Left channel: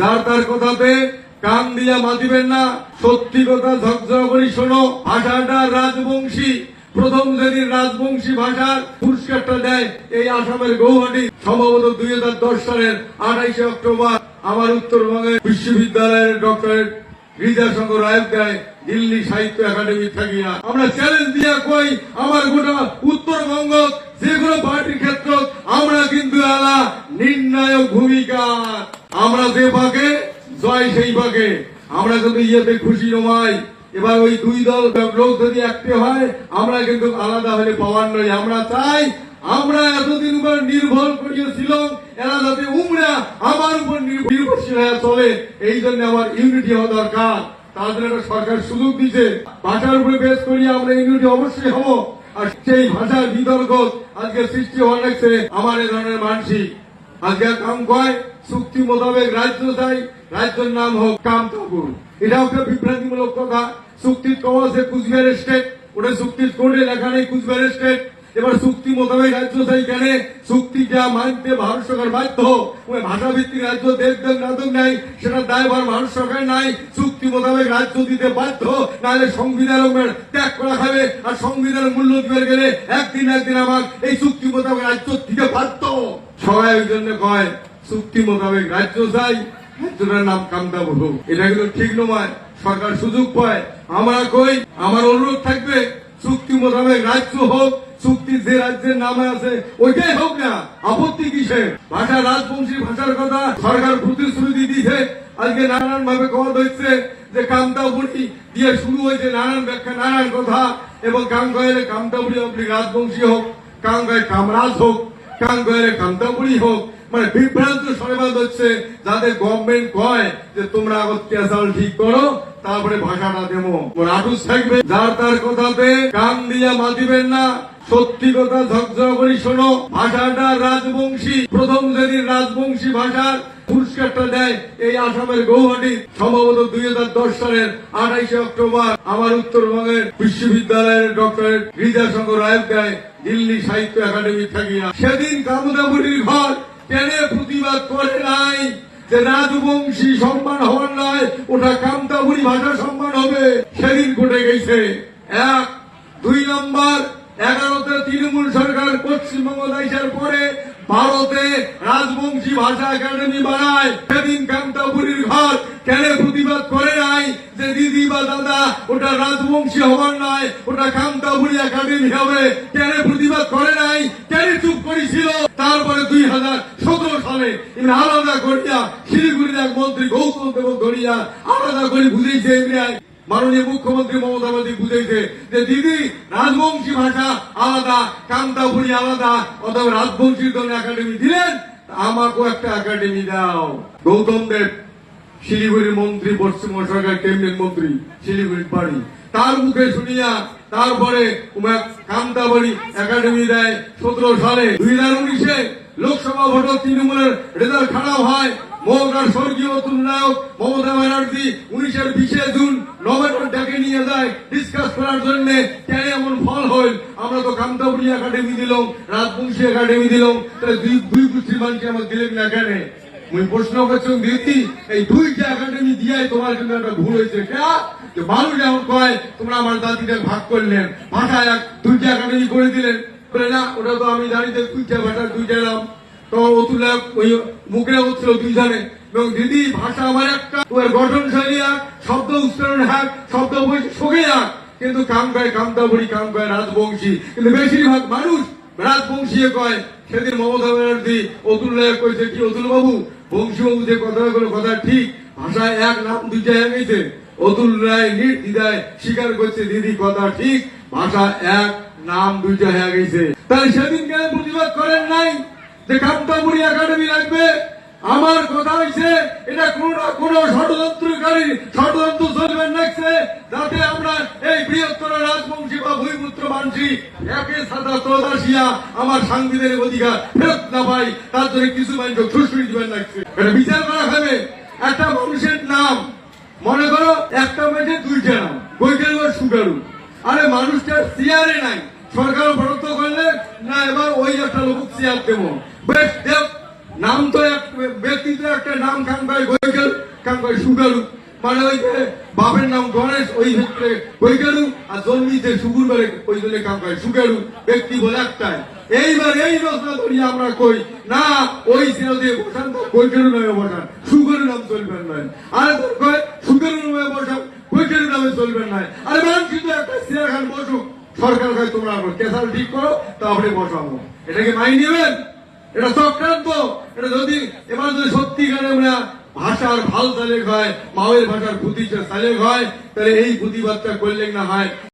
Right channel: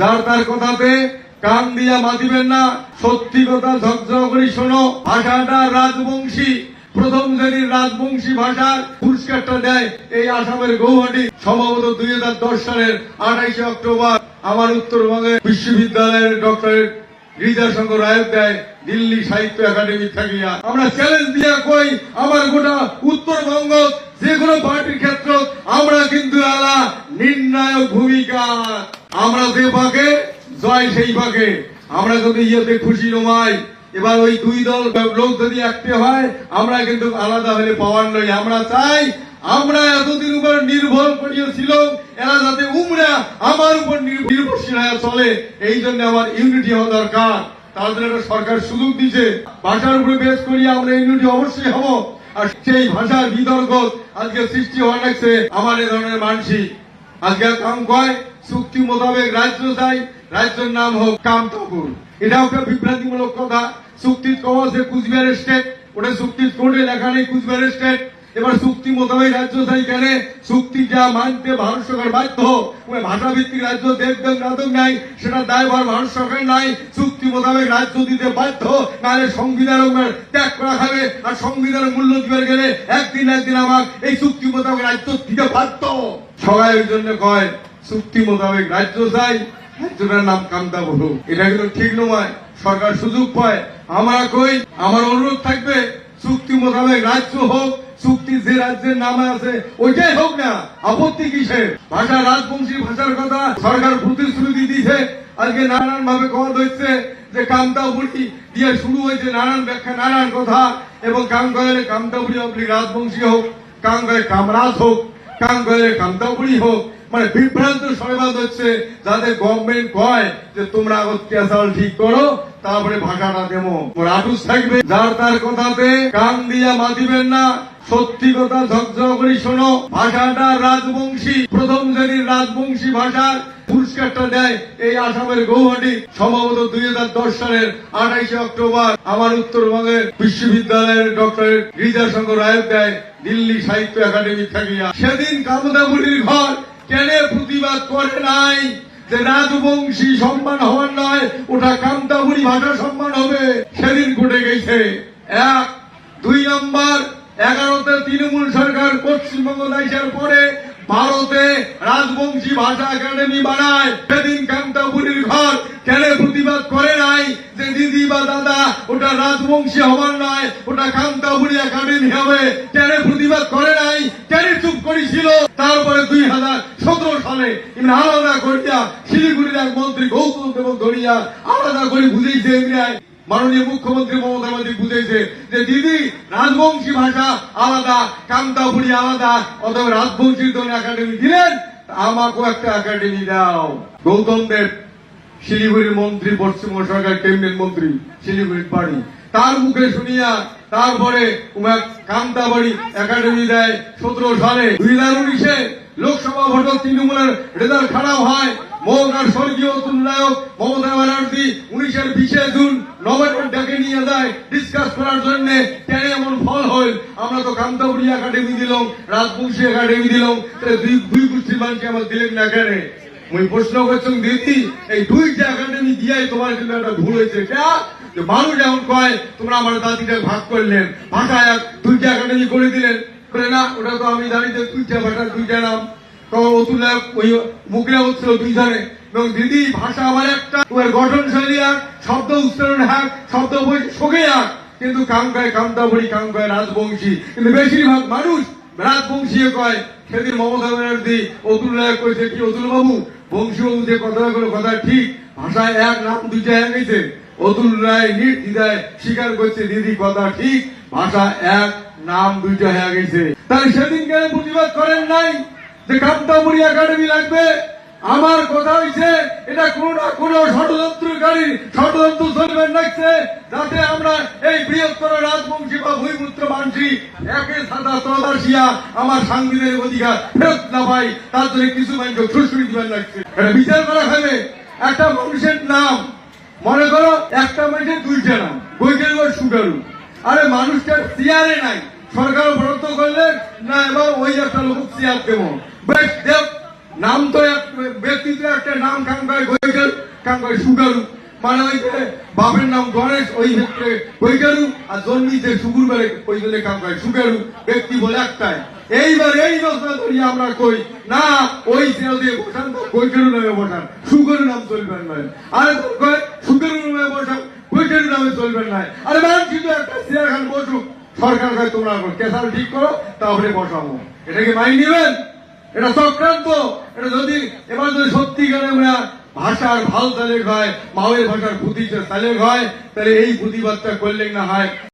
যার তার কথাতে কান দিয়া মাতিবেন না, সত্যি কথা ঝকঝক করে শোনো। ভাষাটা রাজবংশী, প্রথম শ্রেণীর রাজবংশী ভাষার পুরস্কারটা দেয় এই আসামের গৌহাটি। সম্ভবত 2010 সালের 28 অক্টোবর আমার উত্তরবঙ্গের বিশ্ববিদ্যালয়ের ডক্টরেট হৃদয়শঙ্কর রায় দেয় দিল্লি সাহিত্য একাডেমি থাকিয়া। আমরা চ্যালেঞ্জ দিয়ে কই, আমার গোটা উত্তরবঙ্গ যে কোনো পার্টির ক্ষেত্রে আমরা কিন্তু আলা নির্ণায়ক ভূমিকা। আমরা যে পাকে জয় সেই পাকে। আমরা যদি ইয়েতে খুশি নমাই, এবার ওই দুই দল লোক যদি একটা হয়, আমরা কিন্তু আলাদা হলে পাওয়ার নয়। আমরা চাই আমরা এতদিন উপর নির্ভর করিয়েছিল, এরা যাতে উমরা আমার উপর নির্ভরশীল হয়ে চলে। এই জন্য আমার ইউনিটি হওয়া দরকার। তাদের একটা সরকার সুযোগ দিচ্ছে, ভাষার উপরে বেস করিয়ে আমরা ইউনিটি অবশ্যই হব। আর সেই ভাষার বিতর্ক আজকে সৃষ্টি হওয়া লাগছে আমার এ ধরনের মানসিক। আজকে কাম কয় চুক্তি মোতাবেক রাজ্য চাই, রাজ্যের নাম হোক কামতাপুর। এটাও একটা বিভ্রান্তিমূলক কথা। চুক্তির কওয়া যে কুচবিহার স্টেট, ওটা চুক্তির কোর্টে লেখা নেই কুচবিহার স্টেট। এবার চুক্তি মোতাবেক রাজ্য চাই কেন? চুক্তি যা মানতে ভারত সরকার বাধ্য। ভাষা ভিত্তিক রাজ্য দেখবেন নাদক নাই, সেটা দায়ভার ভারত সরকার নাই। চুক্তি মোতাবেক রাজ্য দিতে বাধ্য, নাহলে সংবিধান ত্যাগ করা খাবে। আর সংবিধানের মূল্য দিতে গেলে একদিন আমার এই চুক্তি মোতাবেক রাজ্য দিতে বাধ্য। সবাই ওই জন্য কয় চুক্তি মোতাবেক রাজ্য চাই, রাজ্যটার নাম কামতাপুর হোক। এটা কিন্তু ঠিক নয়। সরকার সুযোগ পায়। আমরা কই, আমার অনুরোধ থাকবে চুক্তি মোতাবেক রাজ্য হোক, চুক্তি যে রাজ্যের নামে আছে ওইটাই হোক না, আপত্তি কিসে? ভাষা রাজবংশী ভাষার কথা সরকার প্রতিশ্রুতি দিছে। আজকে নানান ভাবে কথা হচ্ছে যে কামতাপুরি দিয়ে শুরু হয়েছে নানান ব্যাখ্যা, নানান কথা। এবং কাম কয়ে কামতাপুরি আপনি রাজবংশী হোক, কাম কয়ে কামরাজ হোক, কাম কয়ে কামতাপুরি হোক। মানে বিভ্রান্ত সংবাদ হচ্ছে, যাদের গভর্নমেন্ট কয় যে তোমরা অত্যাচার ঠিক করো, তারপরে ভাষাটা দেবো। রাজুস থাকবে, যার তার কথাতে কান দিয়া মাতিবেন না, সত্যি কথা ঝকঝক করে শোনো। ভাষাটা রাজবংশী, প্রথম শ্রেণীর রাজবংশী ভাষার পুরস্কারটা দেয় এই আসামের গৌহাটি। সম্ভবত 2010 সালের 28 অক্টোবর আমার উত্তরবঙ্গের বিশ্ববিদ্যালয়ের ডক্টরেট হৃদয়শঙ্কর রায় দেয় দিল্লি সাহিত্য একাডেমি থাকিয়া। সেদিন কামতাপুরীর ঘর কেন প্রতিবাদ করে নাই যে রাজবংশী সম্মান হওয়ার নয়, ওটা কামতাপুরী ভাষা সম্মান হবে। সেদিন ঘটে গেছে। 1, 2 নম্বর, 11তে তৃণমূল সরকার পশ্চিমবঙ্গ আসার পরে ভারতে রাজবংশী ভাষা একাডেমি বানায়। সেদিন কামতাপুরীর ঘর কেন প্রতিবাদ করে নাই যে দিদি বা দাদা ওটা রাজবংশী হওয়ার নয়, ওটা কামতাপুরী একাডেমি হবে? কেন প্রতিবাদ করে নাই? কেন চুপ করেছিল? তারপরে 2017 সালে আলাদা করিয়া শিলিগুড়ির এক মন্ত্রী গৌতম দেব ধরিয়া আলাদা করে বুঝেছে ইন্ডিয়ায়। মাননীয় মুখ্যমন্ত্রী মমতা ব্যানার্জি বুঝেছে যে দিদি রাজবংশী ভাষা আলাদা, কামতাপুরী আলাদা, অথবা রাজবংশীর জন্য একাডেমি দিলেন, আমাকেও একটা একাডেমি দাও। গৌতম দেব শিলিগুড়ির মন্ত্রী, পশ্চিমবঙ্গ সরকার ক্যাবিনেট মন্ত্রী, শিলিগুড়ির বাড়ি, তার মুখে শুনিয়া তারপরে কামতাপুরী একাডেমি দেয় 17 সালে। 2019-এ লোকসভা ভোটে তৃণমূলের রেজাল্ট খারাপ হয়। মৌলার স্বর্গীয় অতুল নায়ক মমতা ব্যানার্জি 19-এর 20 জুন নবান্নর ডেকে নিয়ে যায় ডিসকাস করার জন্য। কেন এমন ফল হল? আমরা তো কামতাপুরী একাডেমি দিলাম, রাজবংশী একাডেমি দিলাম, তাহলে দুই গোষ্ঠীর মানুষকে আমরা দিলেন না কেন? ওই প্রশ্ন করছেন দিদি, এই 2টা একাডেমি দিয়াই তোমার কিন্তু একটা ভুল হয়েছে। মানুষ যেমন কয় তোমরা আমার জাতিটা ভাগ করলেন, ভাষায় 2টা একাডেমি করে দিলেন, না ওটা তো আমি দাঁড়িয়ে 2টা ভাষার 2টা নাম। অতুল ওই মুখে হচ্ছিল 2 জনে। এবং দিদি ভাষা আমার একটা, ওর গঠন শৈলী এক, শব্দ উচ্চারণ এক, শব্দ শোকে এক, কিন্তু কাম কয় কামতাপুরী, কাম কয় রাজবংশী। কিন্তু বেশিরভাগ মানুষ রাজবংশী কয়। সেদিন মমতা ব্যানার্জি অতুল নায়ক কইছে কি, অতুল বাবু বংশী বাবু যে কথাগুলো কথা ঠিক, ভাষায় এক, নাম 2টা এক হয়েছে। অতুল রায় নির্দ্বিধায় স্বীকার করছে দিদি কথা ঠিক, ভাষা এক, নাম 2টা হয়ে গেছে। তাই সেদিন কেন প্রতিবাদ করেন নাই যে কামতাপুরী একাডেমি লাগবে? আমার কথা হয়েছে এটা কোন না কোন ষড়যন্ত্রকারী ষড়যন্ত্র চলবে লাগছে, যাতে আমরা এই বৃহত্তর রাজবংশী বা ভূমিপুত্র মানসি একে সাদা প্রবাসিয়া আমার সাংবিধানিক অধিকার ফেরত না পাই, তার জন্য কিছু মানুষকে খুশি দিবেন লাগছে। এটা বিচার করা হবে। একটা মানুষের নাম, মনে করো একটা মানুষের 2টা নাম, বৈকেল সুগারু। আরে মানুষটা চেয়ারে নাই, সরকার বরাদ্দ করলে না, এবং ওই একটা লোক চেয়ার দেবো, বেশ দেব নাম তো এক ব্যক্তি তো একটা নাম কাঙ্কায় গৈকেল কাঙ্কায় সুগারু মানে ওই যে বাপের নাম গণেশ ওই ক্ষেত্রে গৈকেলু আর জন্মিতে সুগুর বেড়ে ওই জন্য কাঙ্কায় সুগারু ব্যক্তি বলে একটাই। এইবার এই বছর করি আমরা কই না ওই শ্রেণীতে বসান গৈকেলু নামে বসান সুগরু নাম চলবেন না আর সুগরু নামে বসান গৈকেলু নামে চলবেন না। আরে ম্যাম কিন্তু একটা সিরাখান বসুক সরকার কাছে তোমরা কেসাল ঠিক করো তারপরে বসাবো। এটা কি মাইনে নেবেন? এটা চক্রান্ত। এটা যদি এবার যদি সত্যিকারে আমরা ভাষার ভাল তালেক হয় মাওয়ের ভাষার পুঁথিতে তালেক হয় তাহলে এই প্রতিবাদটা করলেই না হয়।